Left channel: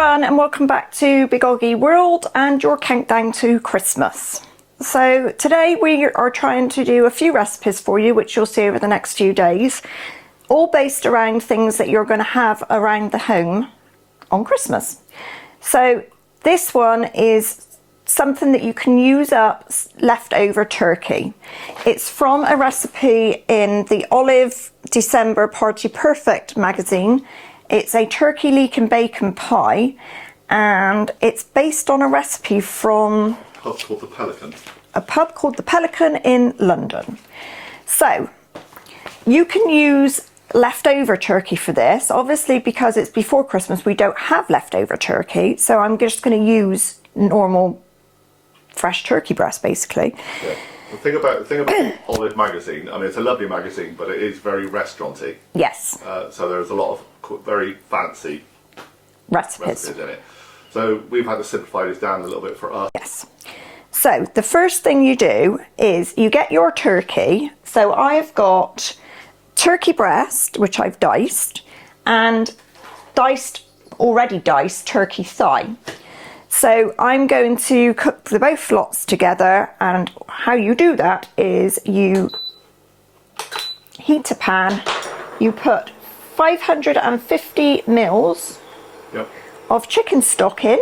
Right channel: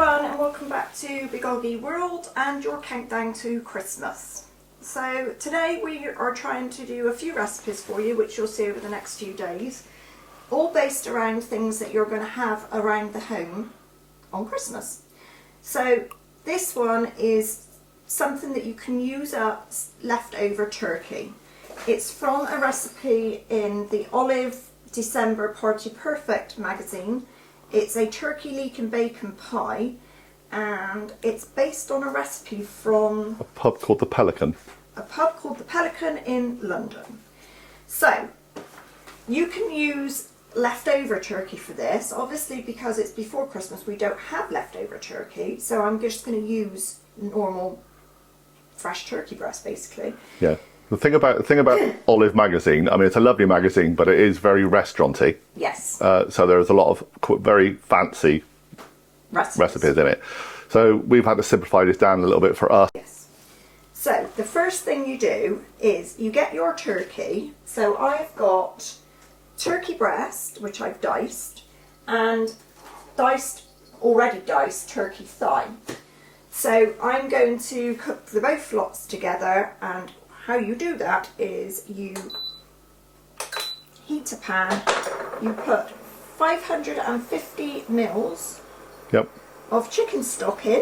everyone, and welcome back to Big OGGIE World and your countdown to Christmas. So today we are trying to do a few recipes for you, which you'll see over the next few days, all based around things that you're going to have around the home on Christmas. So this one is something that you can use up leftover turkey. It's from a recipe in the Olive December Party Perfect magazine. It's a turkey leek and bacon pie, and it's based on a recipe from a pub called the Pelican. A pub called the Pelican in London. So you can use leftover turkey for this. Obviously, because it's before Christmas, we don't have leftover turkey, so I'm just going to use normal fresh turkey breast, basically. Yeah. The thing about Olive magazine, I mean, it's a lovely magazine, but it is very restauranty. Yes. So there's a lot of very fancy recipes in it. So we've had to simplify this down a little bit for us. Yes. So the first thing you do is you get your turkey. So I've got turkey breast, which I've diced, and already diced turkey thigh. So I'm going to cook the both lots together, and how you do that is you heat a pan, you put 550 mils of chicken stock in.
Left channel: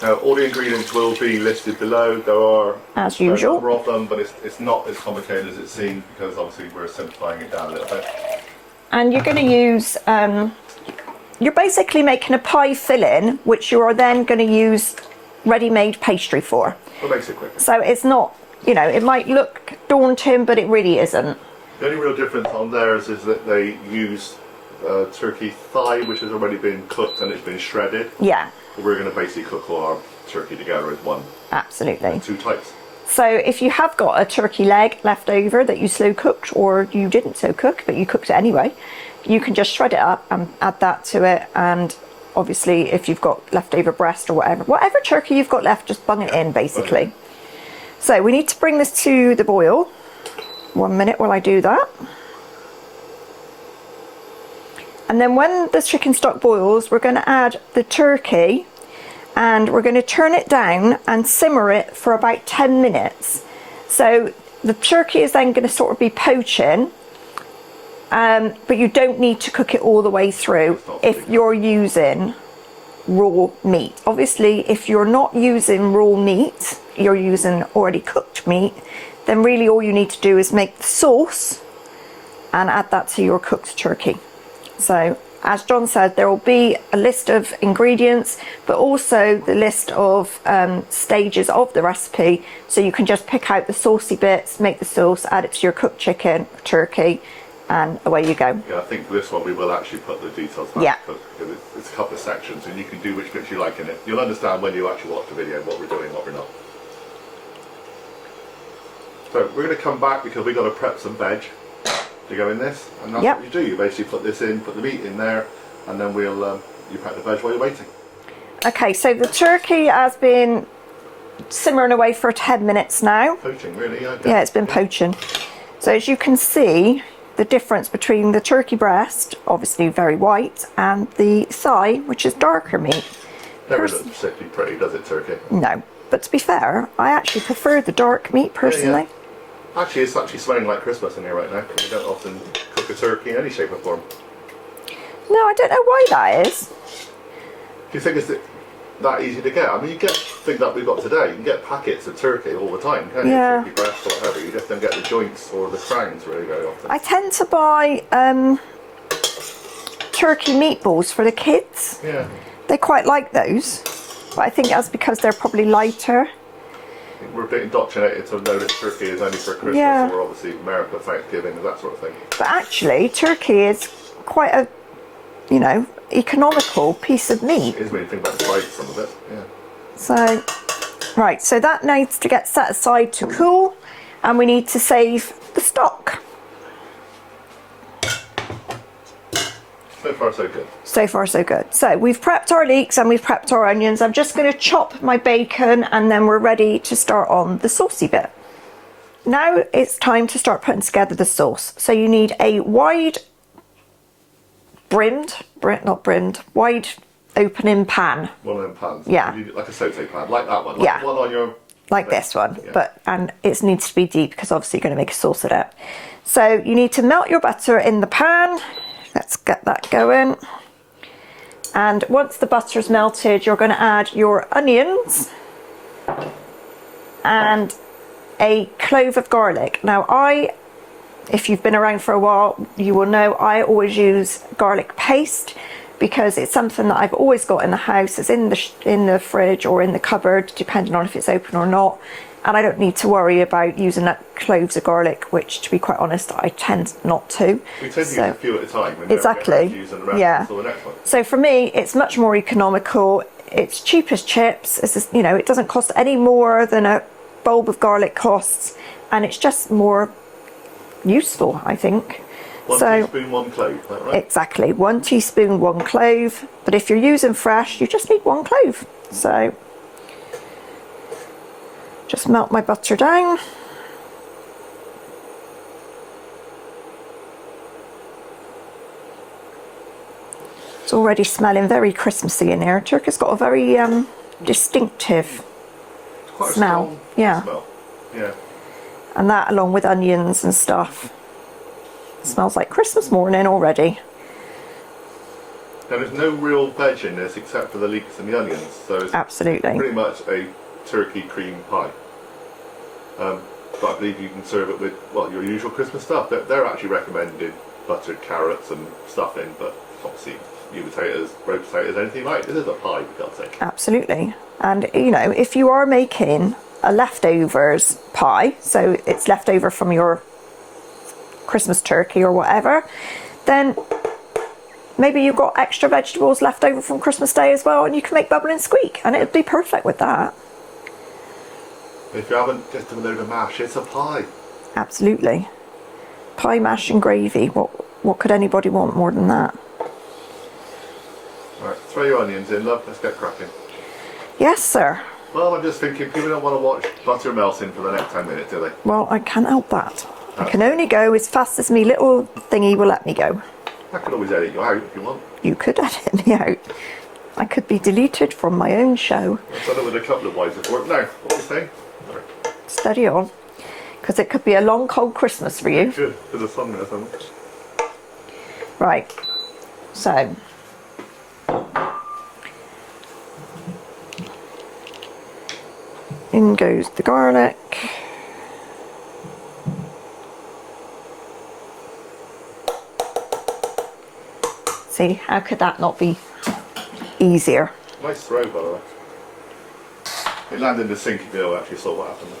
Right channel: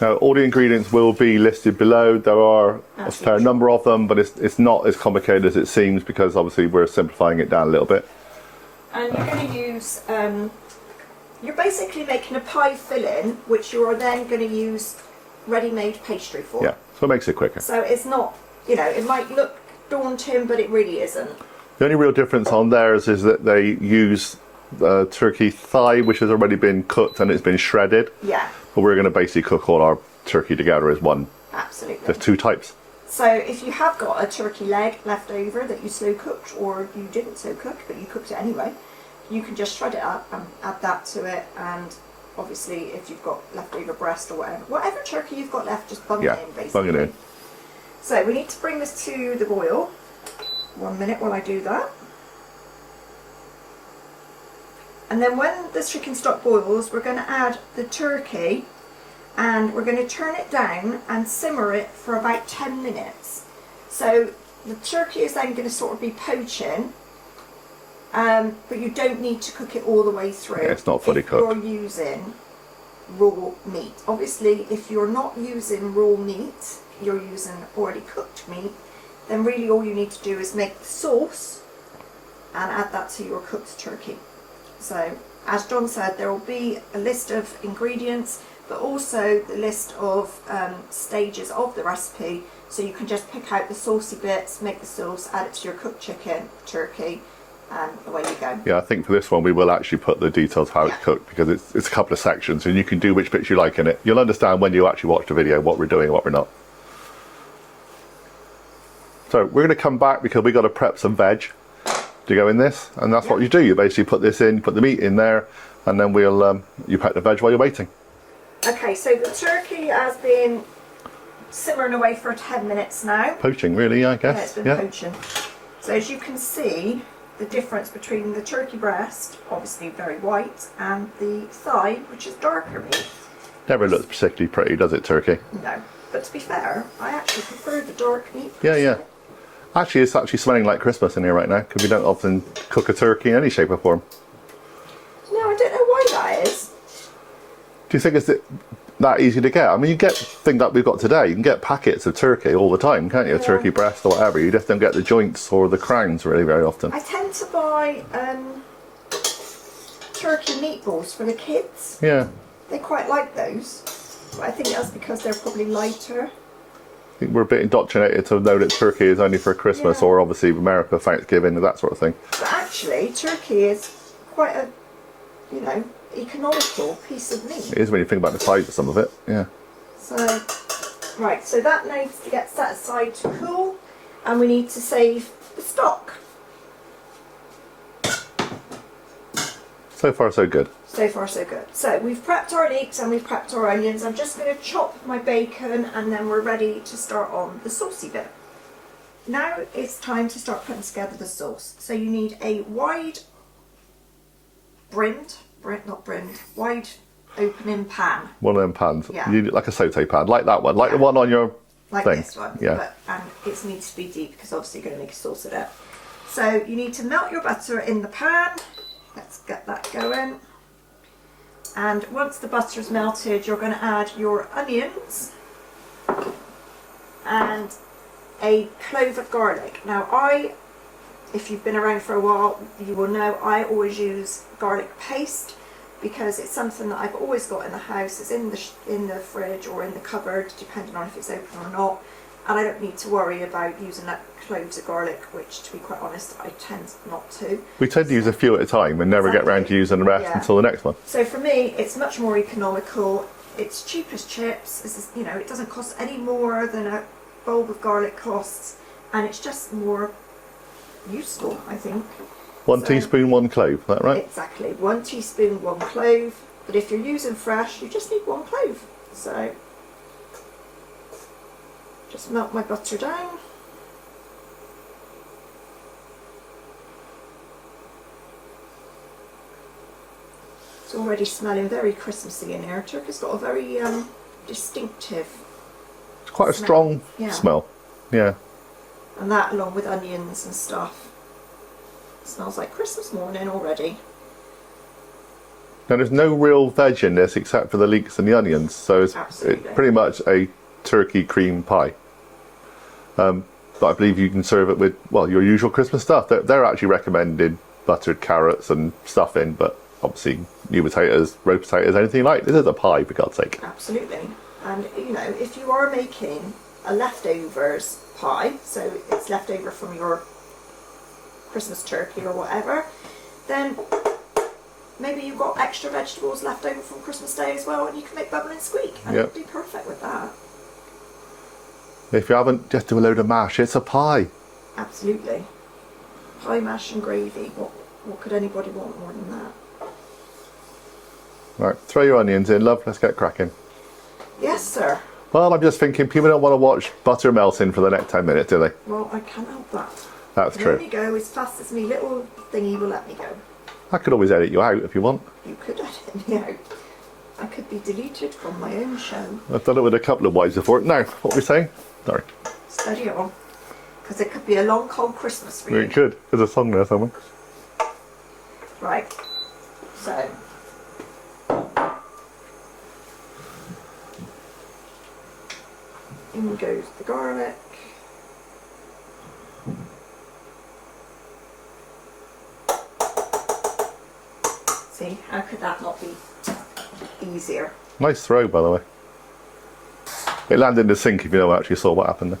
Now all the ingredients will be listed below. There are a fair number of them, but it's not as complicated as it seems, because obviously we're simplifying it down a little bit. And you're going to use you're basically making a pie filling, which you're then going to use ready-made pastry for. Yeah, so it makes it quicker. So it's not, you know, it might look daunting, but it really isn't. The only real difference on theirs is that they use turkey thigh, which has already been cooked and it's been shredded. Yeah. But we're going to basically cook all our turkey together as one. Absolutely. There's two types. So if you have got a turkey leg left over that you slow cooked, or you didn't slow cook but you cooked it anyway, you can just shred it up and add that to it. And obviously if you've got leftover breast or whatever turkey you've got left, just bung it in basically. In. So we need to bring this to the boil. 1 minute while I do that. And then when the chicken stock boils, we're going to add the turkey, and we're going to turn it down and simmer it for about 10 minutes. So the turkey is then going to sort of be poaching. But you don't need to cook it all the way through if you're using raw meat. Obviously, if you're not using raw meat, you're using already cooked meat, then really all you need to do is make the sauce and add that to your cooked turkey. So, as John said, there will be a list of ingredients, but also the list of stages of the recipe, so you can just pick out the saucy bits, make the sauce, add it to your cooked chicken, turkey, and away you go. Yeah, I think for this one we will actually put the details how it's cooked, because it's a couple of sections and you can do which bits you like in it. You'll understand when you actually watch the video what we're doing, what we're not. So we're going to come back because we've got to prep some veg to go in this, and that's what you do. You basically put this in, put the meat in there, and then we'll you prep the veg while you're waiting. Okay, so the turkey has been simmering away for 10 minutes now. Poaching, really, I guess. Yeah, it's been poaching. So as you can see, the difference between the turkey breast, obviously very white, and the thigh, which is darker meat. Never looks particularly pretty, does it, turkey? No, but to be fair, I actually prefer the dark meat personally. Yeah. Actually, it's actually smelling like Christmas in here right now, because we don't often cook a turkey in any shape or form. No, I don't know why that is. Do you think it's that easy to get? I mean, you get things that we've got today, you can get packets of turkey all the time, can't you? Turkey breast or whatever. You just don't get the joints or the crowns really very often. I tend to buy turkey meatballs for the kids. Yeah. They quite like those, but I think that's because they're probably lighter. I think we're a bit indoctrinated to know that turkey is only for Christmas or obviously America, Thanksgiving, and that sort of thing. But actually, turkey is quite a, you know, economical piece of meat. It is when you think about the price of some of it, yeah. So, right, so that needs to get set aside to cool, and we need to save the stock. So far so good. So far so good. So we've prepped our leeks and we've prepped our onions. I'm just going to chop my bacon, and then we're ready to start on the saucy bit. Now it's time to start putting together the sauce. So you need a wide opening pan. One of them pans. Yeah. You need it like a saute pan, like that one, like the one on your like thing. this one. Yeah. And it needs to be deep because obviously you're going to make a sauce of it. So you need to melt your butter in the pan. Let's get that going. And once the butter's melted, you're going to add your onions and a clove of garlic. Now if you've been around for a while, you will know I always use garlic paste because it's something that I've always got in the house. It's in the fridge or in the cupboard, depending on if it's open or not. And I don't need to worry about using that cloves of garlic, which, to be quite honest, I tend not to. We tend to use a few at a time and never get around to using the rest until the next one. So for me, it's much more economical. It's cheap as chips. It's just, you know, it doesn't cost any more than a bulb of garlic costs, and it's just more useful, I think. One teaspoon, 1 clove, is that right? Exactly, 1 teaspoon, 1 clove. But if you're using fresh, you just need 1 clove. So just melt my butter down. It's already smelling very Christmassy in here. Turkey's got a very distinctive It's quite smell. a strong smell. Yeah. And that, along with onions and stuff, smells like Christmas morning already. Now there's no real veg in this except for the leeks and the onions, so it's pretty much a turkey cream pie. But I believe you can serve it with, well, your usual Christmas stuff. They're actually recommending buttered carrots and stuffing, but obviously new potatoes, roast potatoes, anything like this is a pie, for God's sake. Absolutely. And you know, if you are making a leftovers pie, so it's leftover from your Christmas turkey or whatever, then maybe you've got extra vegetables left over from Christmas Day as well, and you can make bubble and squeak, and it would be perfect with that. If you haven't, just do a load of mash. It's a pie. Absolutely. Pie, mash and gravy. What could anybody want more than that? Right, throw your onions in, love. Let's get cracking. Yes, sir. Well, I'm just thinking people don't want to watch butter melting for the next 10 minutes, do they? Well, I can't help that. That's I can true. only go as fast as me little thingy will let me go. I could always edit you out if you want. You could edit me out. I could be deleted from my own show. I've done it with a couple of wives before. Now, what were we saying? Sorry. Steady on. Because it could be a long, cold Christmas for you. It could. There's a song there somewhere. Right. So. In goes the garlic. See, how could that not be easier? Nice throw, by the way. It landed in the sink if you actually saw what happened there.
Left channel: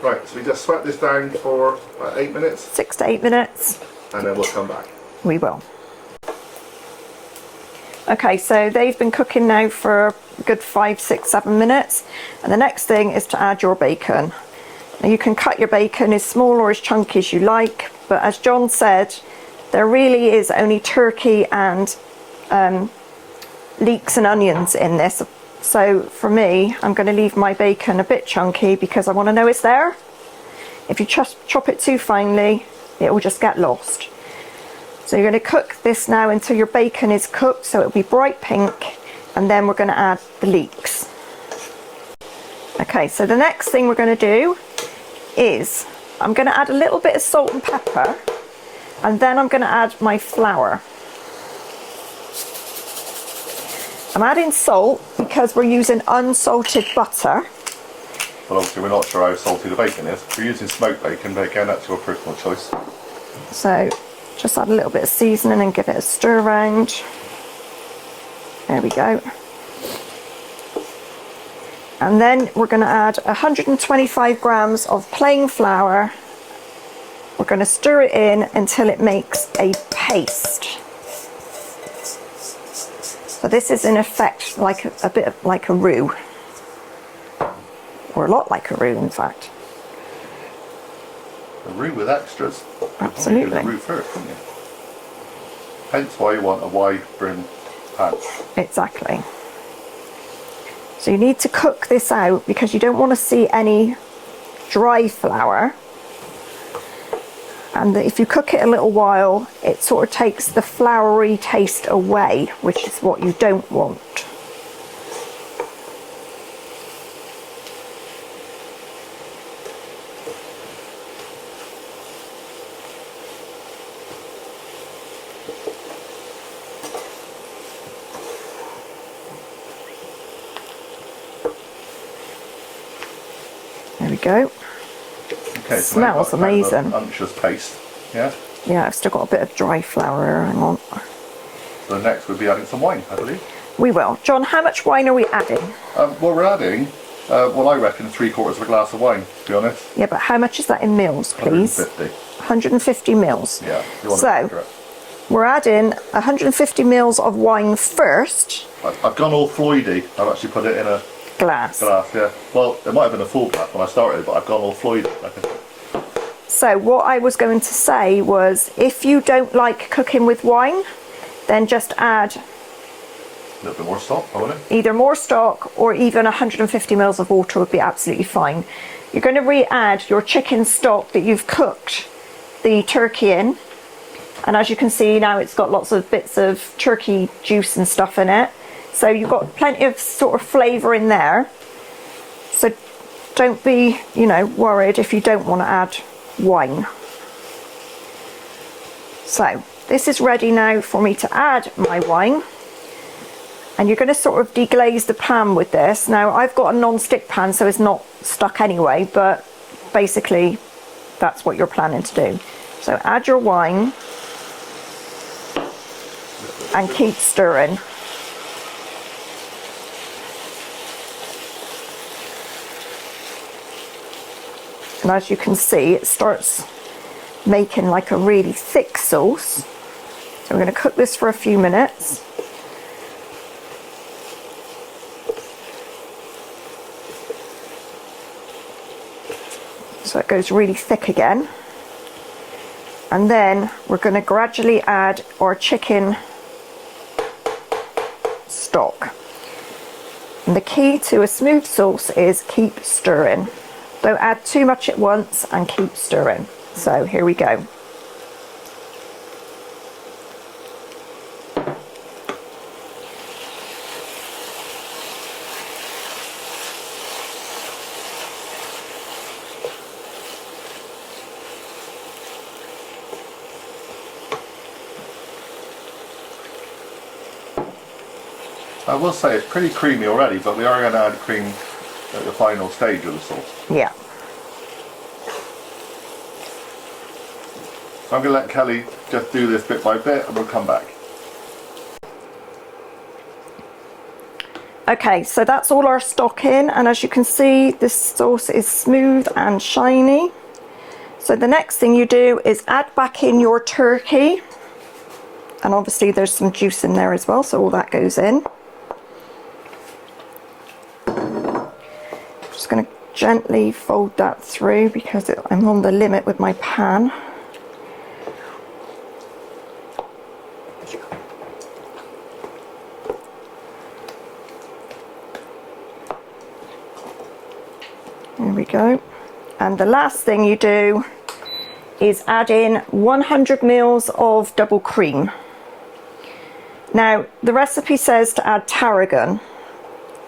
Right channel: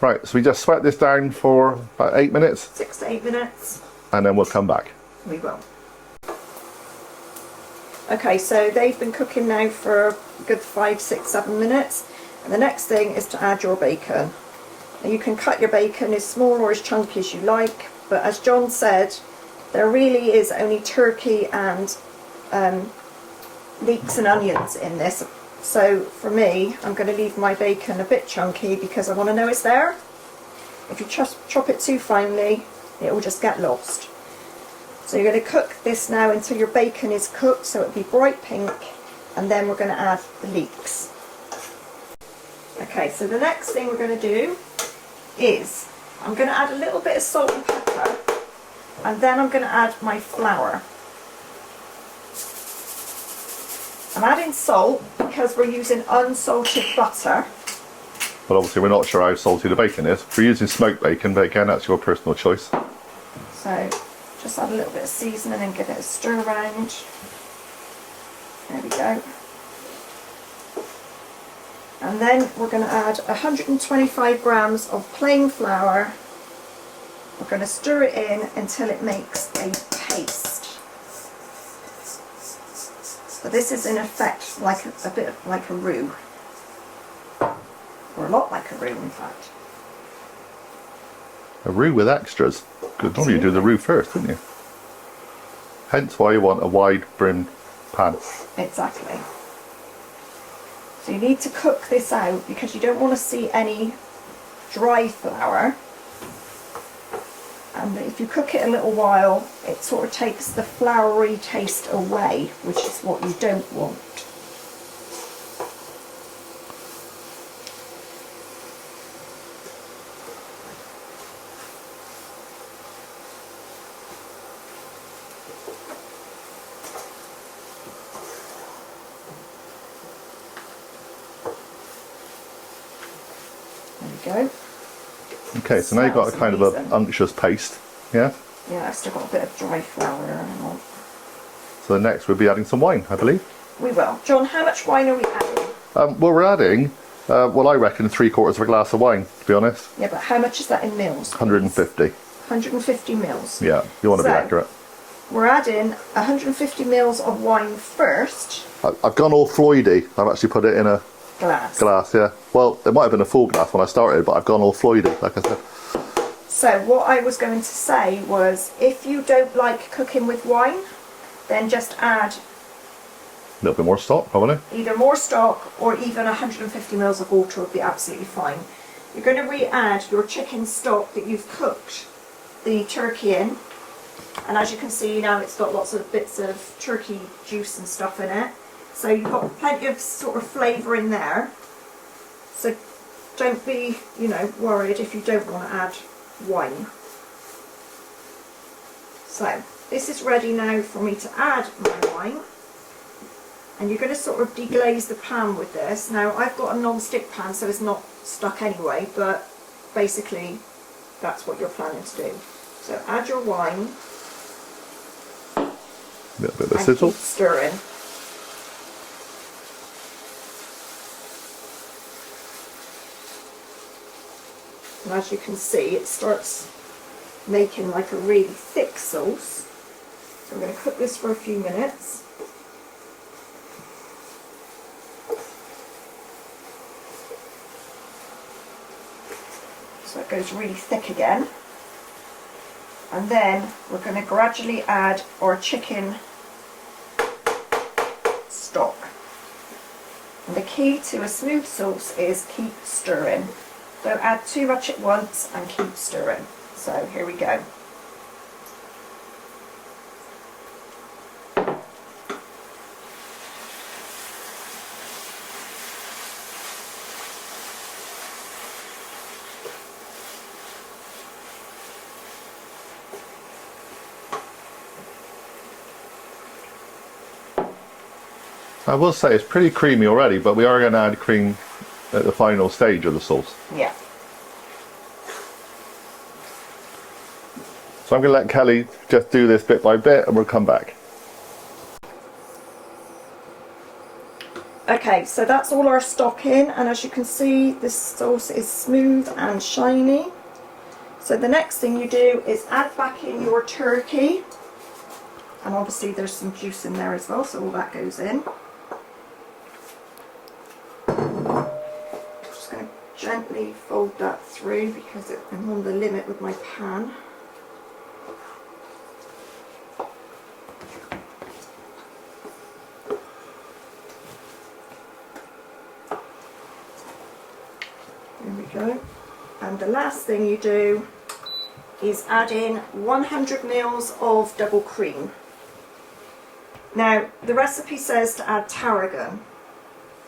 Right, so we just sweat this down for about 8 minutes. 6 to 8 minutes. And then we'll come back. We will. Okay, so they've been cooking now for a good 5, 6, 7 minutes. And the next thing is to add your bacon. Now you can cut your bacon as small or as chunky as you like, but as John said, there really is only turkey and leeks and onions in this. So for me, I'm going to leave my bacon a bit chunky because I want to know it's there. If you chop it too finely, it will just get lost. So you're going to cook this now until your bacon is cooked, so it'll be bright pink, and then we're going to add the leeks. Okay, so the next thing we're going to do is I'm going to add a little bit of salt and pepper, and then I'm going to add my flour. I'm adding salt because we're using unsalted butter. But obviously we're not sure how salty the bacon is. We're using smoked bacon, but again, that's your personal choice. So just add a little bit of seasoning and give it a stir around. There we go. And then we're going to add 125 grams of plain flour. We're going to stir it in until it makes a paste. So this is in effect like a bit like a roux, or a lot like a roux in fact. A roux with extras. You'd normally do the roux first, wouldn't you? Hence why you want a wide brim pan. Exactly. So you need to cook this out because you don't want to see any dry flour. And if you cook it a little while, it sort of takes the floury taste away, which is what you don't want. There we go. Okay, so now you've got a kind of an unctuous paste, yeah? Yeah, I've still got a bit of dry flour, hang on. So next we'll be adding some wine, I believe. We will. John, how much wine are we adding? Well, we're adding, well, I reckon 3/4 of a glass of wine, to be honest. Yeah, but how much is that in mils, please? 150. 150 mils. Yeah, you want to be accurate. We're adding 150 mils of wine first. I've gone all Floydy. I've actually put it in a glass, yeah. Well, it might have been a full glass when I started, but I've gone all Floydy, like I said. So what I was going to say was, if you don't like cooking with wine, then just add a little bit more stock, probably. Either more stock or even 150 mils of water would be absolutely fine. You're going to re-add your chicken stock that you've cooked the turkey in. And as you can see now, it's got lots of bits of turkey juice and stuff in it. So you've got plenty of sort of flavour in there. So don't be, worried if you don't want to add wine. So this is ready now for me to add my wine. And you're going to sort of deglaze the pan with this. Now I've got a non-stick pan, so it's not stuck anyway, but basically that's what you're planning to do. So add your wine and keep stirring. And as you can see, it starts making like a really thick sauce. So we're going to cook this for a few minutes. So it goes really thick again. And then we're going to gradually add our chicken stock. And the key to a smooth sauce is keep stirring. Don't add too much at once and keep stirring. So here we go. I will say it's pretty creamy already, but we are going to add cream at the final stage of the sauce. Yeah. So I'm going to let Kelly just do this bit by bit and we'll come back. Okay, so that's all our stock in, and as you can see, this sauce is smooth and shiny. So the next thing you do is add back in your turkey, and obviously there's some juice in there as well, so all that goes in. Just going to gently fold that through because I'm on the limit with my pan. There we go. And the last thing you do is add in 100 mils of double cream. Now the recipe says to add tarragon.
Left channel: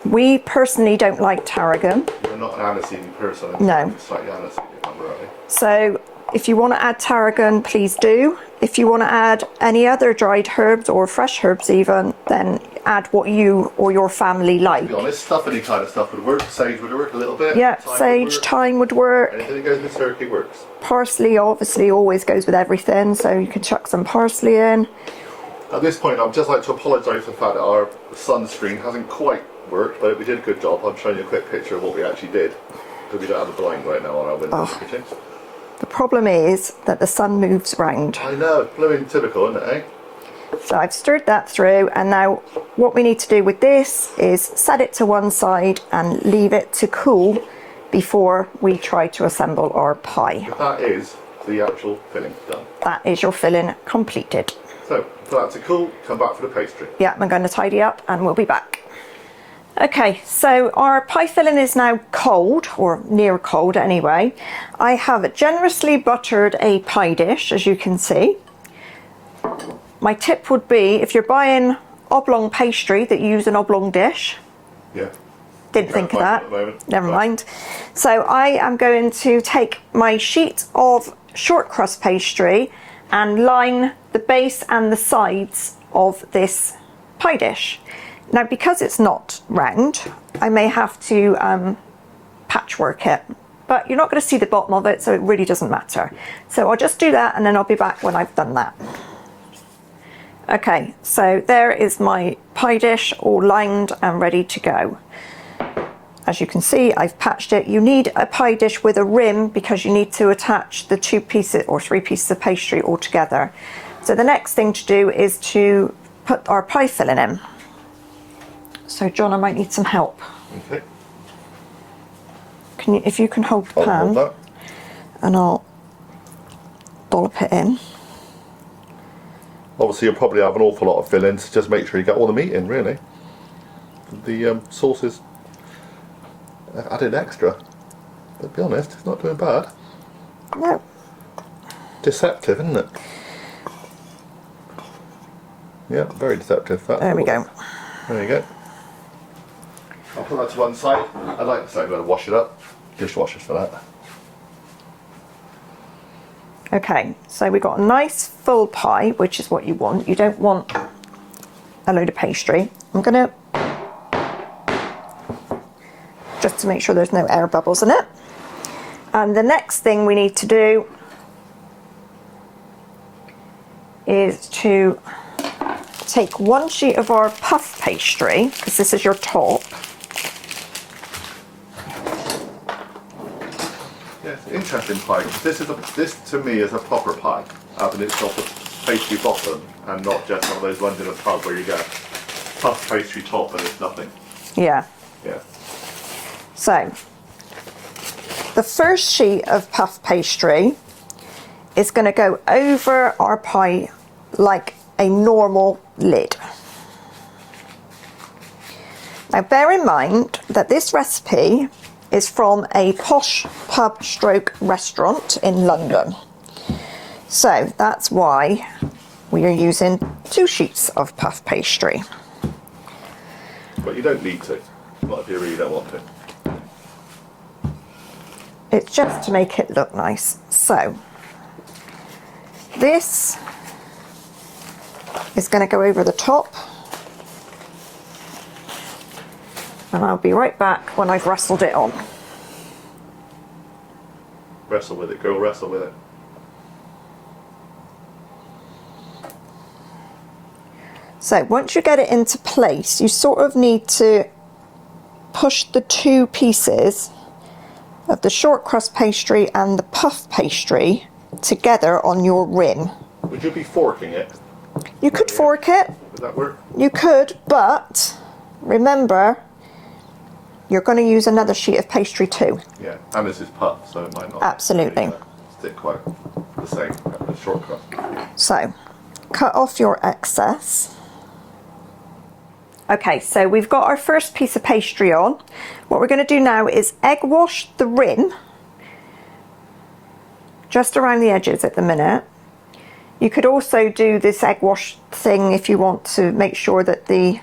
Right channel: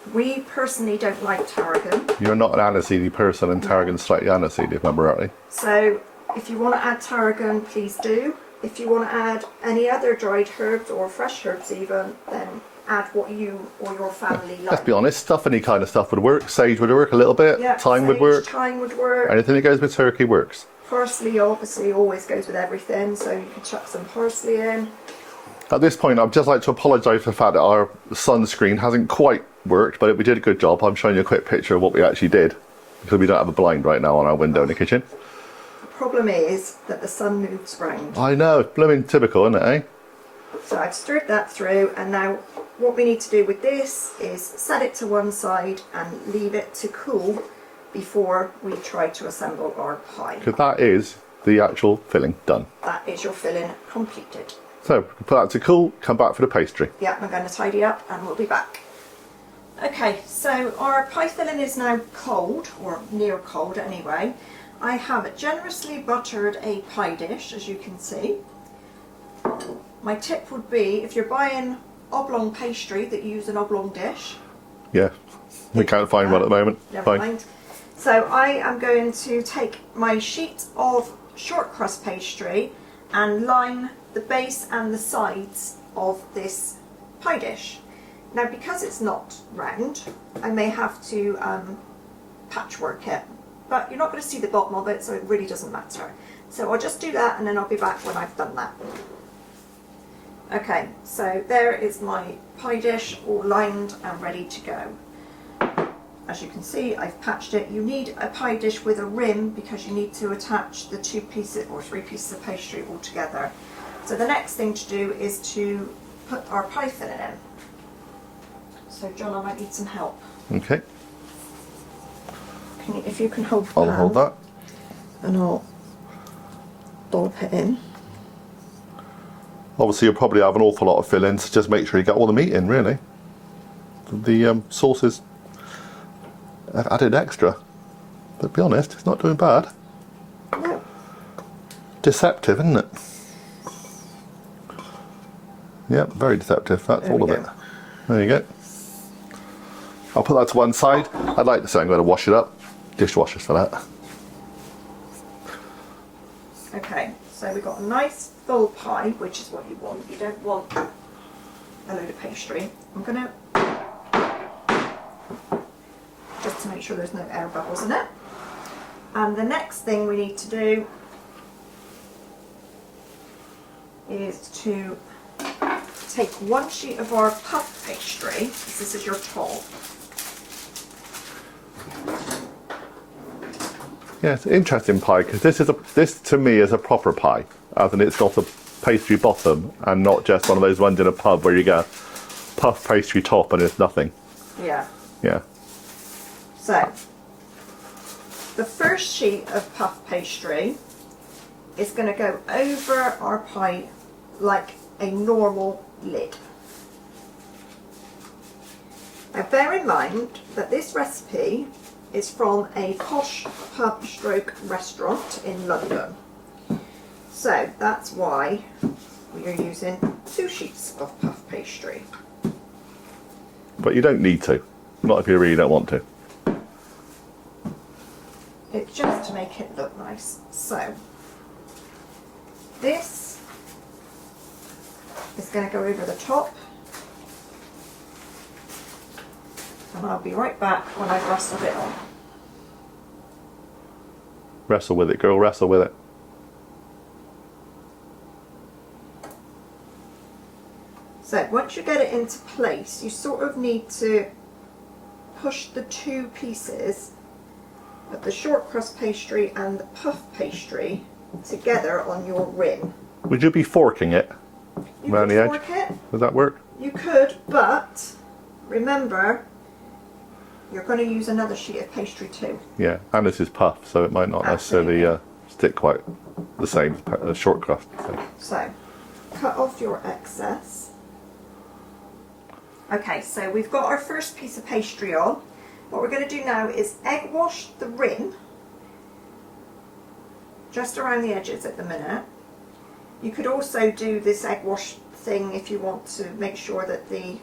We personally don't like tarragon. You're not an aniseedy person, and tarragon's slightly aniseedy, if I remember rightly. So if you want to add tarragon, please do. If you want to add any other dried herbs or fresh herbs even, then add what you or your family like. Let's be honest, stuff, any kind of stuff would work. Sage would work a little bit. Yeah, thyme sage, would work. thyme would work. Anything that goes with turkey works. Parsley obviously always goes with everything, so you can chuck some parsley in. At this point, I'd just like to apologise for the fact that our sunscreen hasn't quite worked, but we did a good job. I'm showing you a quick picture of what we actually did, because we don't have a blind right now on our window in the kitchen. The problem is that the sun moves round. I know, blooming typical, isn't it, eh? So I've stirred that through, and now what we need to do with this is set it to one side and leave it to cool before we try to assemble our pie. Because that is the actual filling done. That is your filling completed. So, put that to cool, come back for the pastry. Yeah, I'm going to tidy up and we'll be back. Okay, so our pie filling is now cold, or near cold anyway. I have generously buttered a pie dish, as you can see. My tip would be, if you're buying oblong pastry, that you use an oblong dish. Yeah, we can't find one at the moment. Never mind. So I am going to take my sheet of shortcrust pastry and line the base and the sides of this pie dish. Now, because it's not round, I may have to patchwork it, but you're not going to see the bottom of it, so it really doesn't matter. So I'll just do that and then I'll be back when I've done that. Okay, so there is my pie dish all lined and ready to go. As you can see, I've patched it. You need a pie dish with a rim because you need to attach the 2 pieces or 3 pieces of pastry all together. So the next thing to do is to put our pie filling in. So John, I might need some help. Okay. Can you, if you can hold the pan, hold that. And I'll dollop it in. Obviously, you'll probably have an awful lot of fillings, so just make sure you get all the meat in, really. The sauces have added extra, but to be honest, it's not doing bad. No. Deceptive, isn't it? Yeah, very deceptive. That's there we go. There you go. I'll put that to one side. I'd like to say I'm going to wash it up. Dishwashers for that. Okay, so we've got a nice full pie, which is what you want. You don't want a load of pastry. I'm going to, just to make sure there's no air bubbles in it. And the next thing we need to do is to take one sheet of our puff pastry, because this is your top. Yeah, it's an interesting pie because this to me is a proper pie, as in it's got a pastry bottom and not just one of those ones in a pub where you get a puff pastry top and it's nothing. Yeah. Yeah. So the first sheet of puff pastry is going to go over our pie like a normal lid. Now bear in mind that this recipe is from a posh pub stroke restaurant in London. So that's why we are using 2 sheets of puff pastry. But you don't need to, not if you really don't want to. It's just to make it look nice. So this is going to go over the top. And I'll be right back when I've rustled it on. Wrestle with it, girl, wrestle with it. So once you get it into place, you sort of need to push the 2 pieces of the shortcrust pastry and the puff pastry together on your rim. Would you be forking it? You could fork it. Would that work? You could, but remember, you're going to use another sheet of pastry too. Yeah, and this is puff, so it might not necessarily stick quite the same as shortcrust. So, cut off your excess. Okay, so we've got our first piece of pastry on. What we're going to do now is egg wash the rim, just around the edges at the minute. You could also do this egg wash thing if you want to make sure that the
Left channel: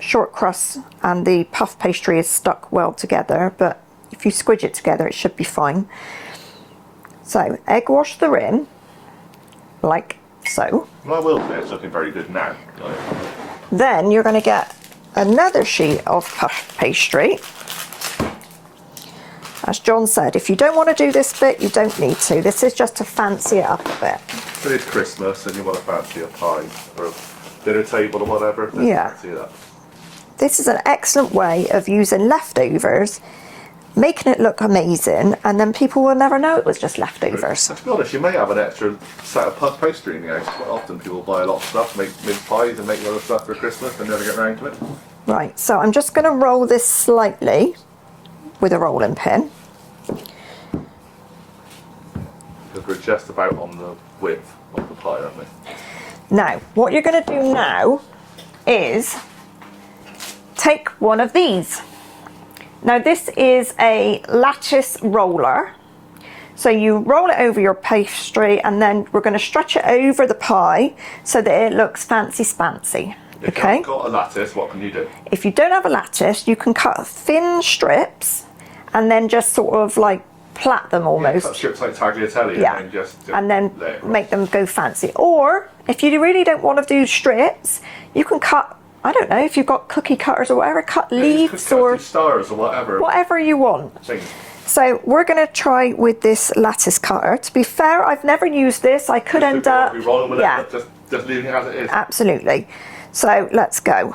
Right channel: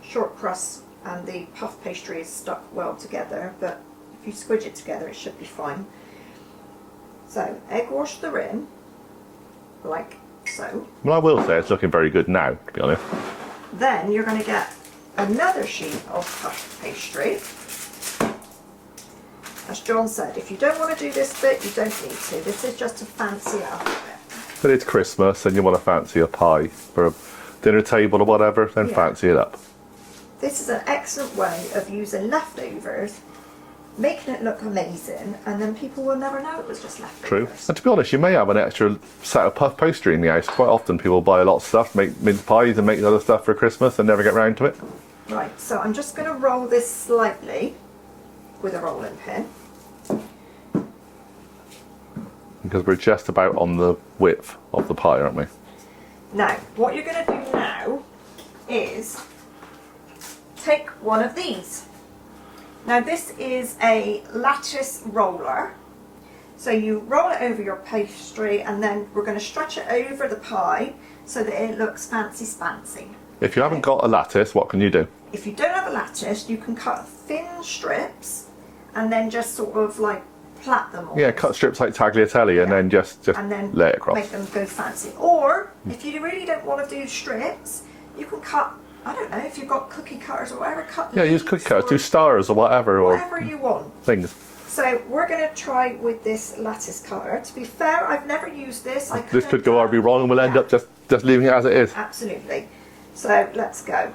short crust and the puff pastry is stuck well together, but if you squidge it together it should be fine. So egg wash the rim like so. Well, I will say it's looking very good now, to be honest. Then you're going to get another sheet of puff pastry. As John said, if you don't want to do this bit, you don't need to. This is just to fancy it up a bit. But it's Christmas and you want to fancy a pie for a dinner table or whatever, then fancy it up. This is an excellent way of using leftovers, making it look amazing, and then people will never know it was just leftovers. True. And to be honest, you may have an extra set of puff pastry in the house. Quite often people buy a lot of stuff, make mince pies and make other stuff for Christmas and never get round to it. Right, so I'm just going to roll this slightly with a rolling pin. Because we're just about on the width of the pie, aren't we? Now, what you're going to do now is take one of these. Now this is a lattice roller. So you roll it over your pastry and then we're going to stretch it over the pie so that it looks fancy spancy. If you haven't got a lattice, what can you do? If you don't have a lattice, you can cut thin strips and then just sort of like plait them almost. Yeah, cut strips like tagliatelle and then just and then lay it across. Make them go fancy. Or if you really don't want to do strips, you can cut, I don't know, if you've got cookie cutters or whatever, cut leeks or do stars or whatever. Whatever you want. Things. So we're going to try with this lattice cutter. To be fair, I've never used this. I could end up... Be wrong and we'll end up just leaving it as it is. Absolutely. So let's go.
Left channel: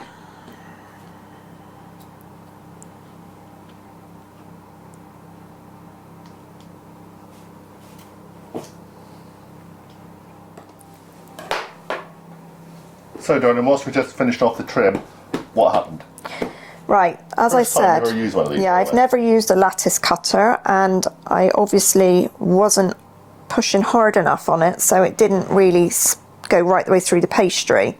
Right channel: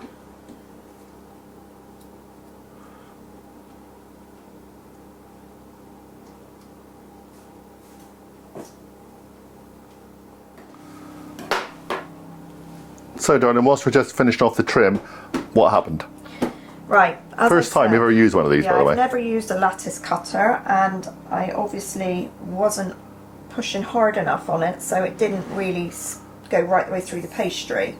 So darling, whilst we just finished off the trim, what happened? Right, as I said, first time you ever used one of these, by the way. I've never used a lattice cutter and I obviously wasn't pushing hard enough on it, so it didn't really go right the way through the pastry.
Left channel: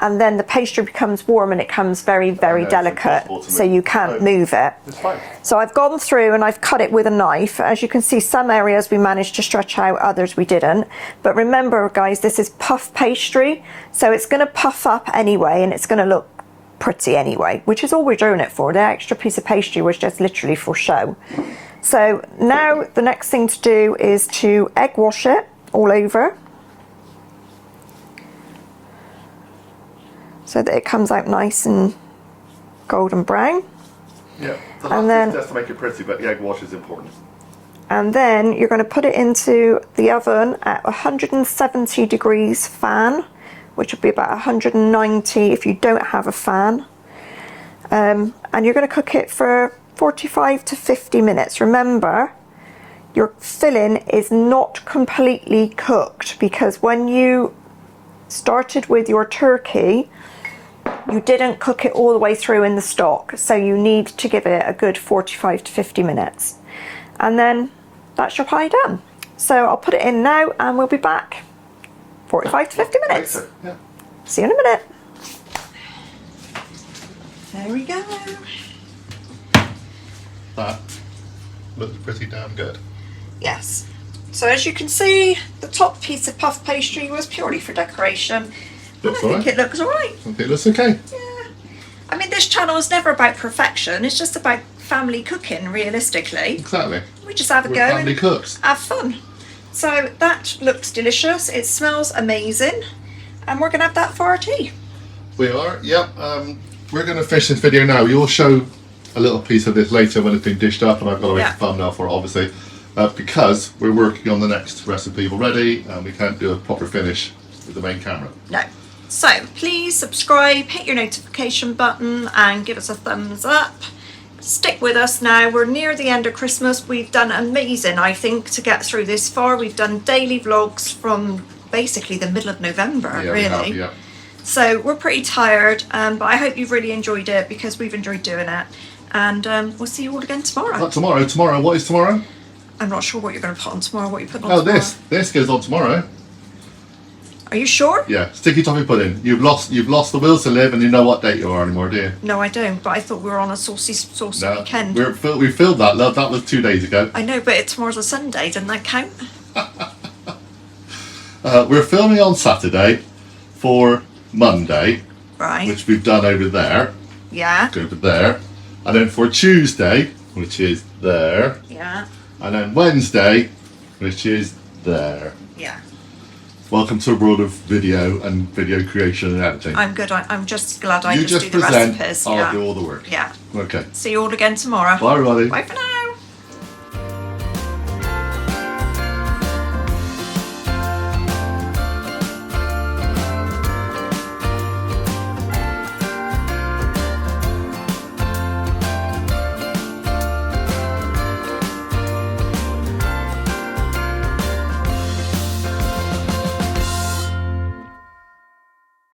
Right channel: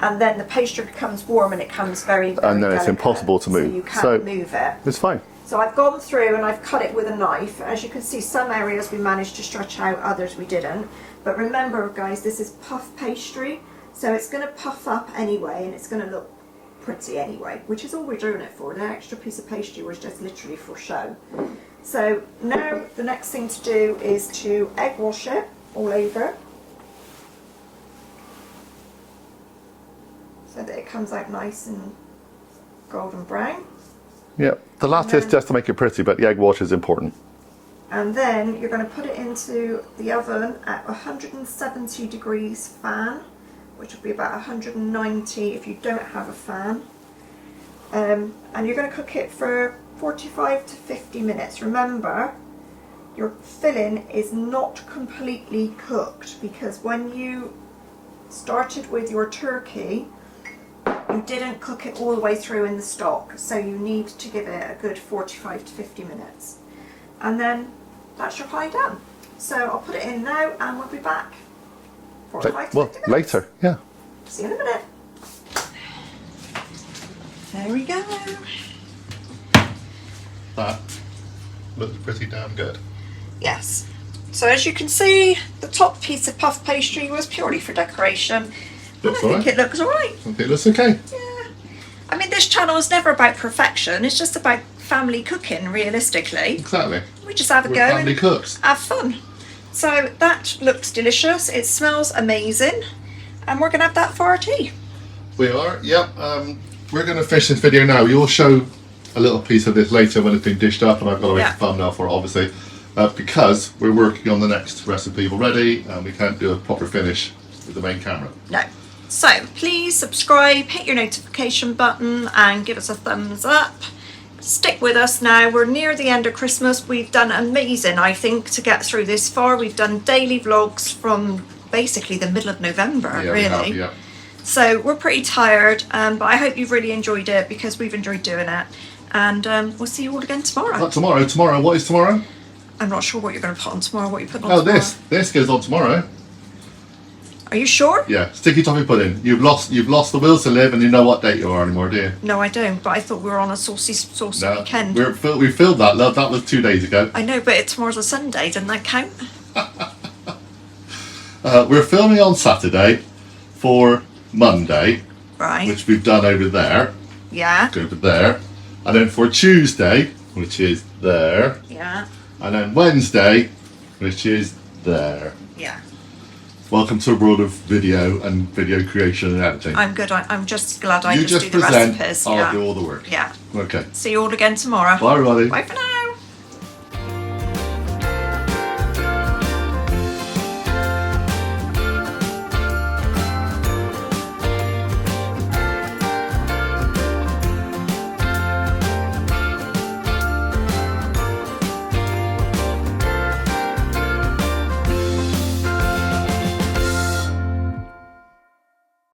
And then the pastry becomes warm and it comes very, very delicate. It's impossible to move. So you can't move it. It's fine. So I've gone through and I've cut it with a knife. As you can see, some areas we managed to stretch out, others we didn't. But remember, guys, this is puff pastry, so it's going to puff up anyway and it's going to look pretty anyway, which is all we're doing it for. The extra piece of pastry was just literally for show. So now the next thing to do is to egg wash it all over so that it comes out nice and golden brown. Yeah, the lattice just to make it pretty, but the egg wash is important. And then you're going to put it into the oven at 170 degrees fan, which would be about 190 if you don't have a fan. And you're going to cook it for 45 to 50 minutes. Remember, your filling is not completely cooked because when you started with your turkey, you didn't cook it all the way through in the stock. So you need to give it a good 45 to 50 minutes. And then that's your pie done. So I'll put it in now and we'll be back. 45 to 50 minutes. Later, yeah. See you in a minute. There we go. That looks pretty damn good. Yes. So as you can see, the top piece of puff pastry was purely for decoration. I think it looks alright. I think it looks okay. Yeah. I mean, this channel is never about perfection. It's just about family cooking, realistically. Exactly. We just have a go family cooks. Have fun. So that looks delicious. It smells amazing. And we're going to have that for our tea. We are, yep. We're going to finish this video now. You'll show a little piece of this later when it's been dished up, and I've got to make a thumbnail for it, obviously, because we're working on the next recipe already, and we can't do a proper finish with the main camera. No. So please subscribe, hit your notification button, and give us a thumbs up. Stick with us now. We're near the end of Christmas. We've done amazing, I think, to get through this far. We've done daily vlogs from basically the middle of November, really. We have, yeah. So we're pretty tired, but I hope you've really enjoyed it because we've enjoyed doing it. And we'll see you all again tomorrow. Not tomorrow. Tomorrow. What is tomorrow? I'm not sure what you're going to put on tomorrow. What you put on tomorrow? Oh, this goes on tomorrow. Are you sure? Yeah, sticky toffee pudding. You've lost the will to live, and you know what date you are anymore, do you? No, I don't. But I thought we were on a saucy weekend. We filmed that. Love, that was 2 days ago. I know, but tomorrow's a Sunday. Doesn't that count? We're filming on Saturday for Monday, right? Which we've done over there. Yeah. Go over there, and then for Tuesday, which is there. Yeah. And then Wednesday, which is there. Yeah. Welcome to a world of video and video creation and editing. I'm good. I'm just glad I you just do present, the recipes. I'll do all the work. Yeah. Okay. See you all again tomorrow. Bye, everybody. Bye for now.